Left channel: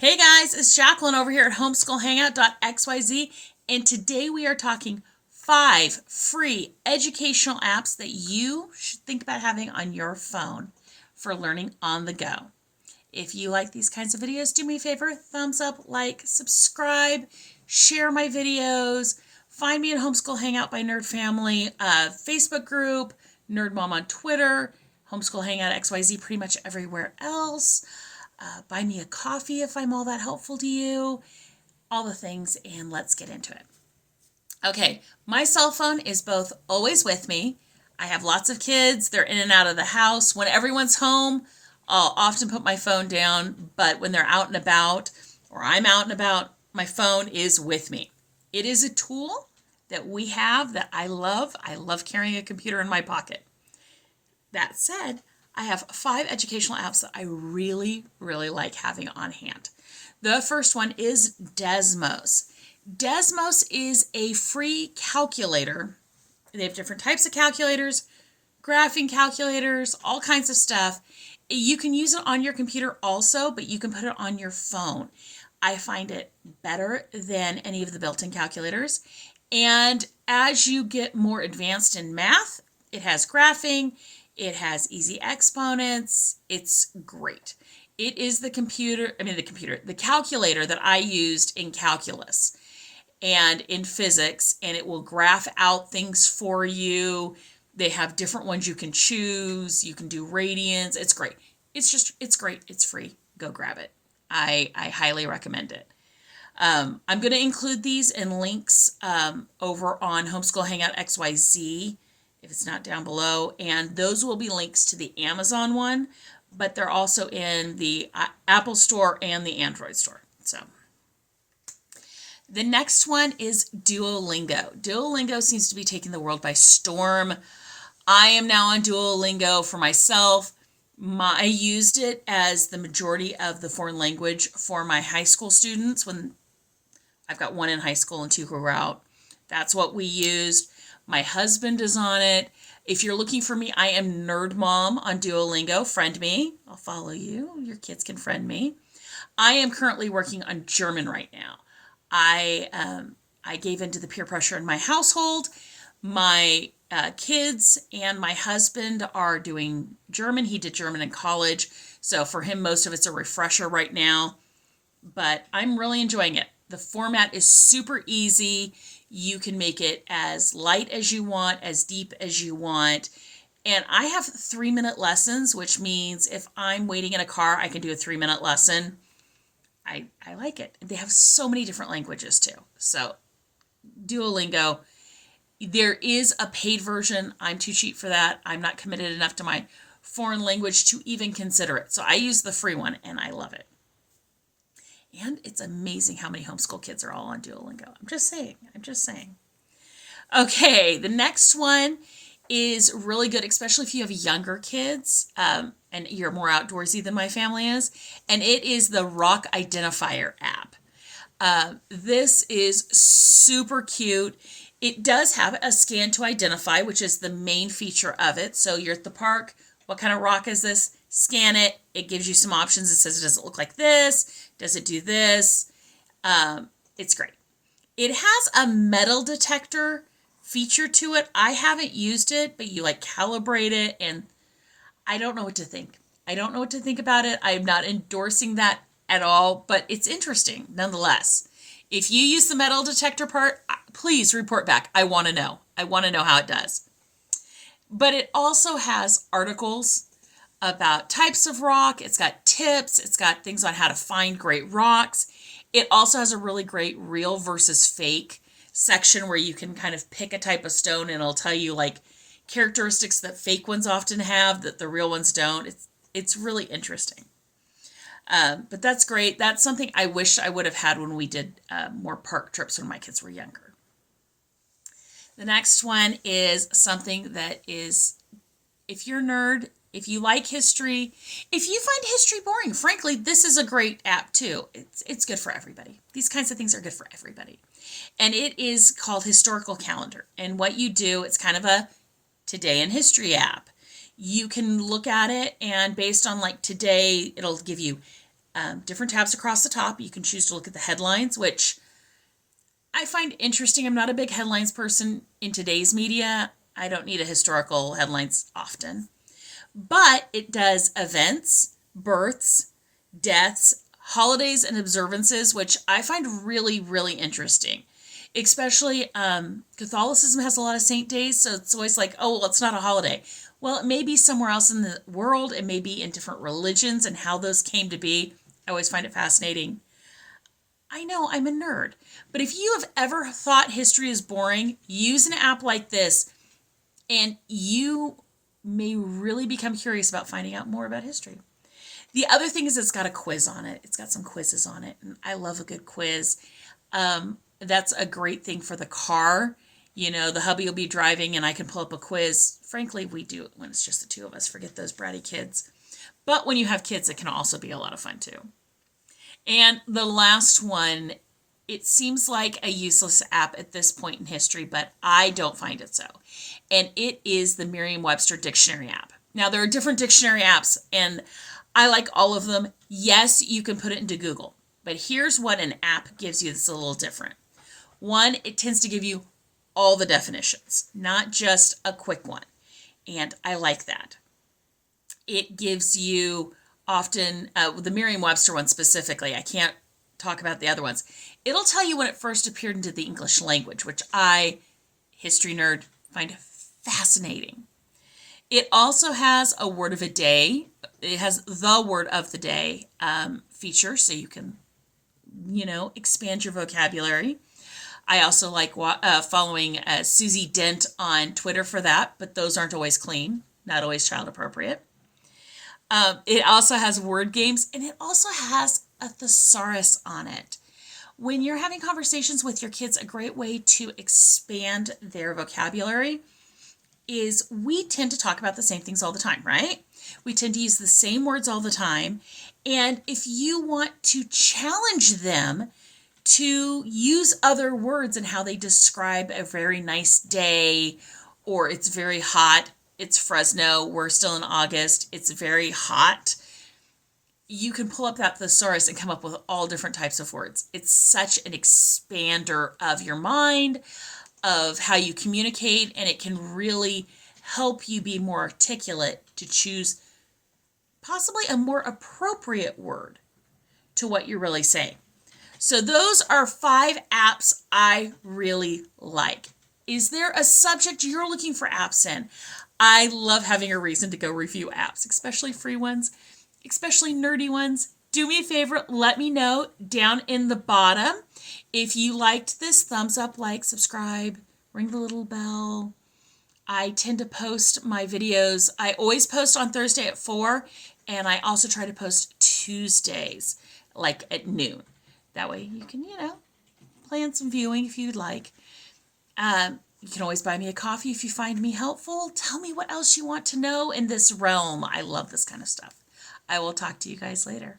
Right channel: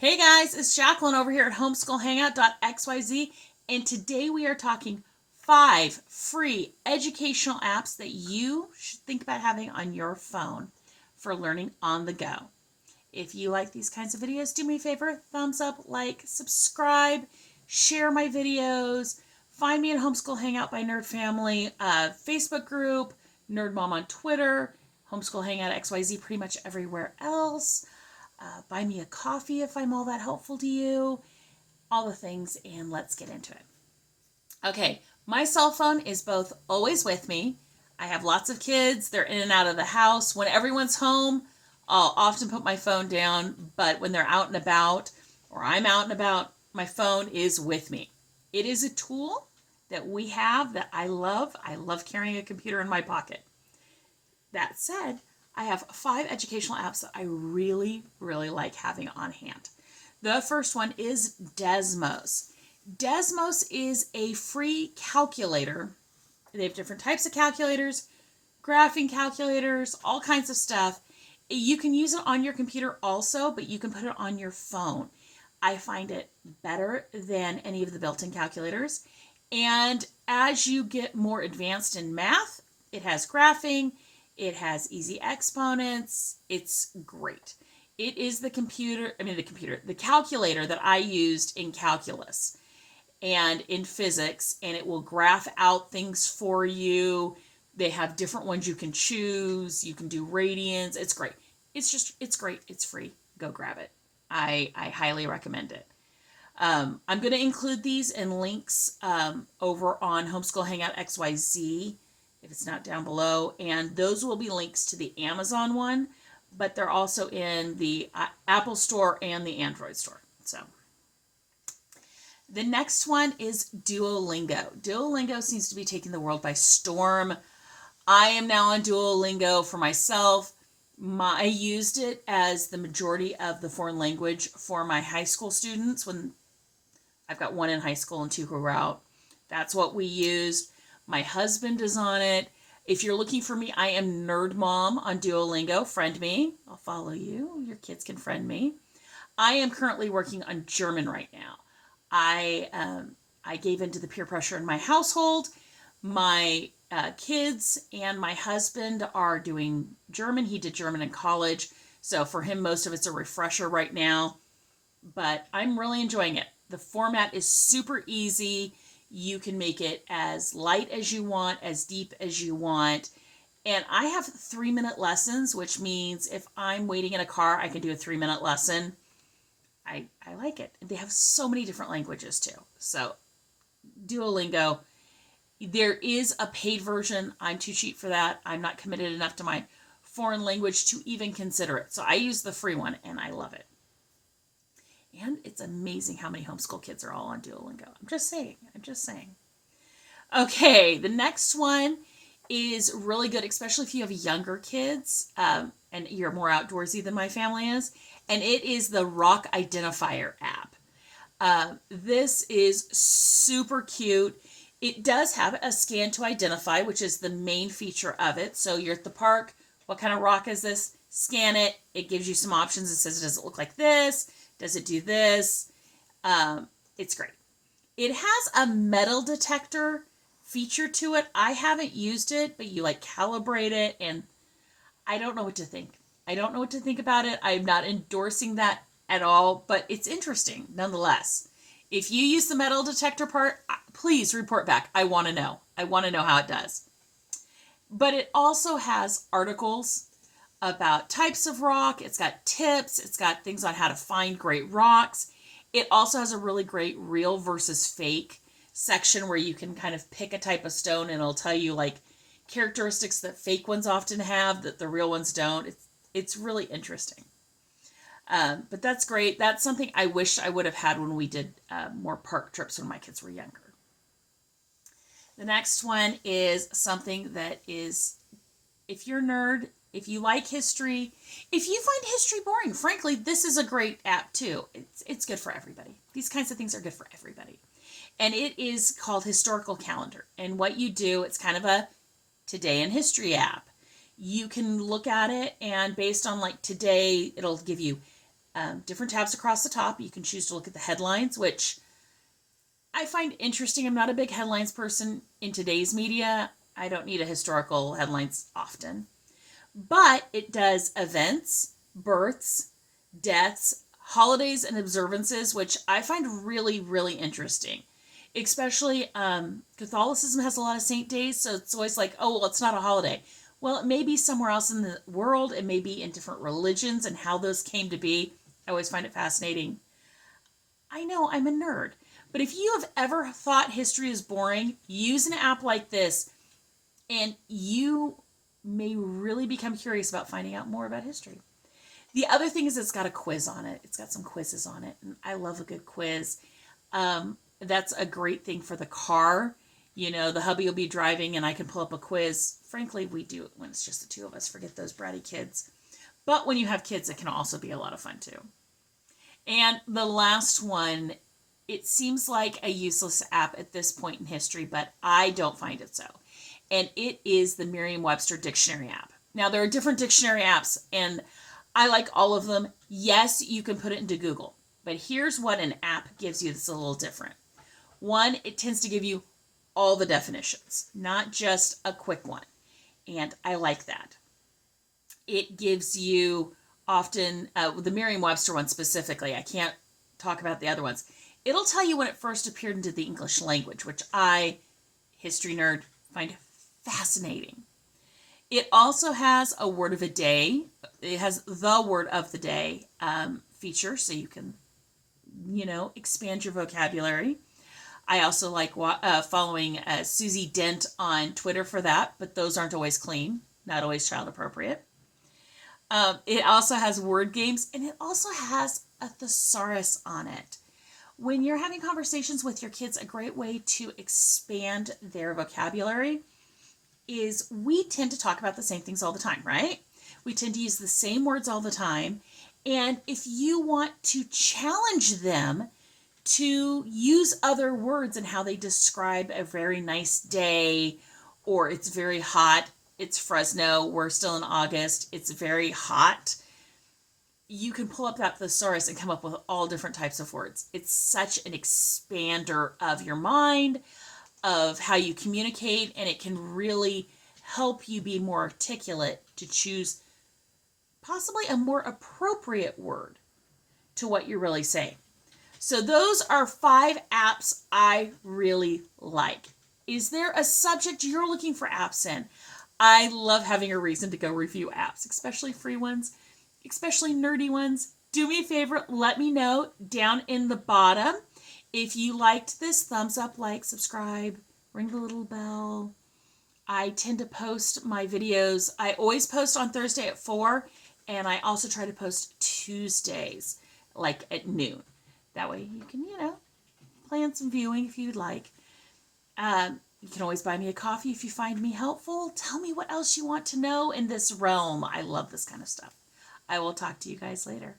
Hey guys, it's Jacqueline over here at Homeschool Hangout.xyz, and today we are talking 5 free educational apps that you should think about having on your phone for learning on the go. If you like these kinds of videos, do me a favor, thumbs up, like, subscribe, share my videos, find me at Homeschool Hangout by Nerd Family, Facebook group, Nerd Mom on Twitter, Homeschool Hangout XYZ pretty much everywhere else. Buy me a coffee if I'm all that helpful to you, all the things, and let's get into it. Okay, my cell phone is both always with me. I have lots of kids. They're in and out of the house. When everyone's home, I'll often put my phone down, but when they're out and about, or I'm out and about, my phone is with me. It is a tool that we have that I love. I love carrying a computer in my pocket. That said, I have 5 educational apps that I really, really like having on hand. The first one is Desmos. Desmos is a free calculator. They have different types of calculators, graphing calculators, all kinds of stuff. You can use it on your computer also, but you can put it on your phone. I find it better than any of the built-in calculators. And as you get more advanced in math, it has graphing. It has easy exponents. It's great. It is the calculator that I used in calculus and in physics, and it will graph out things for you. They have different ones you can choose. You can do radians. It's great. It's great. It's free. Go grab it. I highly recommend it. I'm going to include these in links over on Homeschool Hangout XYZ if it's not down below, and those will be links to the Amazon one, but they're also in the Apple Store and the Android Store. So the next one is Duolingo. Duolingo seems to be taking the world by storm. I am now on Duolingo for myself. I used it as the majority of the foreign language for my high school students when I've got 1 in high school and 2 who are out. That's what we used. My husband is on it. If you're looking for me, I am Nerd Mom on Duolingo. Friend me. I'll follow you. Your kids can friend me. I am currently working on German right now. I gave into the peer pressure in my household. My kids and my husband are doing German. He did German in college. So for him, most of it's a refresher right now. But I'm really enjoying it. The format is super easy. You can make it as light as you want, as deep as you want. And I have 3-minute lessons, which means if I'm waiting in a car, I can do a 3-minute lesson. I like it. They have so many different languages too. So Duolingo, there is a paid version. I'm too cheap for that. I'm not committed enough to my foreign language to even consider it. So I use the free one and I love it. And it's amazing how many homeschool kids are all on Duolingo. I'm just saying. Okay, the next one is really good, especially if you have younger kids and you're more outdoorsy than my family is. And it is the Rock Identifier app. This is super cute. It does have a scan to identify, which is the main feature of it. So you're at the park. What kind of rock is this? Scan it. It gives you some options. It says, does it look like this? Does it do this? It's great. It has a metal detector feature to it. I haven't used it, but you calibrate it, and I don't know what to think. I don't know what to think about it. I'm not endorsing that at all, but it's interesting nonetheless. If you use the metal detector part, please report back. I want to know. I want to know how it does. But it also has articles about types of rock. It's got tips. It's got things on how to find great rocks. It also has a really great real versus fake section where you can kind of pick a type of stone and it'll tell you characteristics that fake ones often have that the real ones don't. It's really interesting. But that's great. That's something I wish I would have had when we did more park trips when my kids were younger. The next one is something that is, if you're a nerd, if you like history, if you find history boring, frankly, this is a great app too. It's good for everybody. These kinds of things are good for everybody. And it is called Historical Calendar. And what you do, it's kind of a Today in History app. You can look at it and based on today, it'll give you different tabs across the top. You can choose to look at the headlines, which I find interesting. I'm not a big headlines person in today's media. I don't need a historical headlines often. But it does events, births, deaths, holidays, and observances, which I find really, really interesting. Especially Catholicism has a lot of saint days, so it's always like, oh, well, it's not a holiday. Well, it may be somewhere else in the world. It may be in different religions and how those came to be. I always find it fascinating. I know I'm a nerd, but if you have ever thought history is boring, use an app like this and you may really become curious about finding out more about history. The other thing is it's got a quiz on it. It's got some quizzes on it, and I love a good quiz. That's a great thing for the car. You know, the hubby will be driving and I can pull up a quiz. Frankly, we do it when it's just the two of us. Forget those bratty kids. But when you have kids, it can also be a lot of fun too. And the last one, it seems like a useless app at this point in history, but I don't find it so. And it is the Merriam-Webster dictionary app. Now, there are different dictionary apps, and I like all of them. Yes, you can put it into Google, but here's what an app gives you that's a little different. One, it tends to give you all the definitions, not just a quick one. And I like that. It gives you often, the Merriam-Webster one specifically, I can't talk about the other ones. It'll tell you when it first appeared into the English language, which I, history nerd, find fascinating. It also has a word of a day. It has the word of the day feature, so you can, expand your vocabulary. I also like following Susie Dent on Twitter for that, but those aren't always clean, not always child appropriate. It also has word games, and it also has a thesaurus on it. When you're having conversations with your kids, a great way to expand their vocabulary is we tend to talk about the same things all the time, right? We tend to use the same words all the time. And if you want to challenge them to use other words and how they describe a very nice day, or it's very hot, it's Fresno, we're still in August, it's very hot, you can pull up that thesaurus and come up with all different types of words. It's such an expander of your mind, of how you communicate, and it can really help you be more articulate to choose possibly a more appropriate word to what you're really saying. So those are 5 apps I really like. Is there a subject you're looking for apps in? I love having a reason to go review apps, especially free ones, especially nerdy ones. Do me a favor, let me know down in the bottom. If you liked this, thumbs up, like, subscribe, ring the little bell. I tend to post my videos. I always post on Thursday at 4, and I also try to post Tuesdays, like at noon. That way you can, plan some viewing if you'd like. You can always buy me a coffee if you find me helpful. Tell me what else you want to know in this realm. I love this kind of stuff. I will talk to you guys later.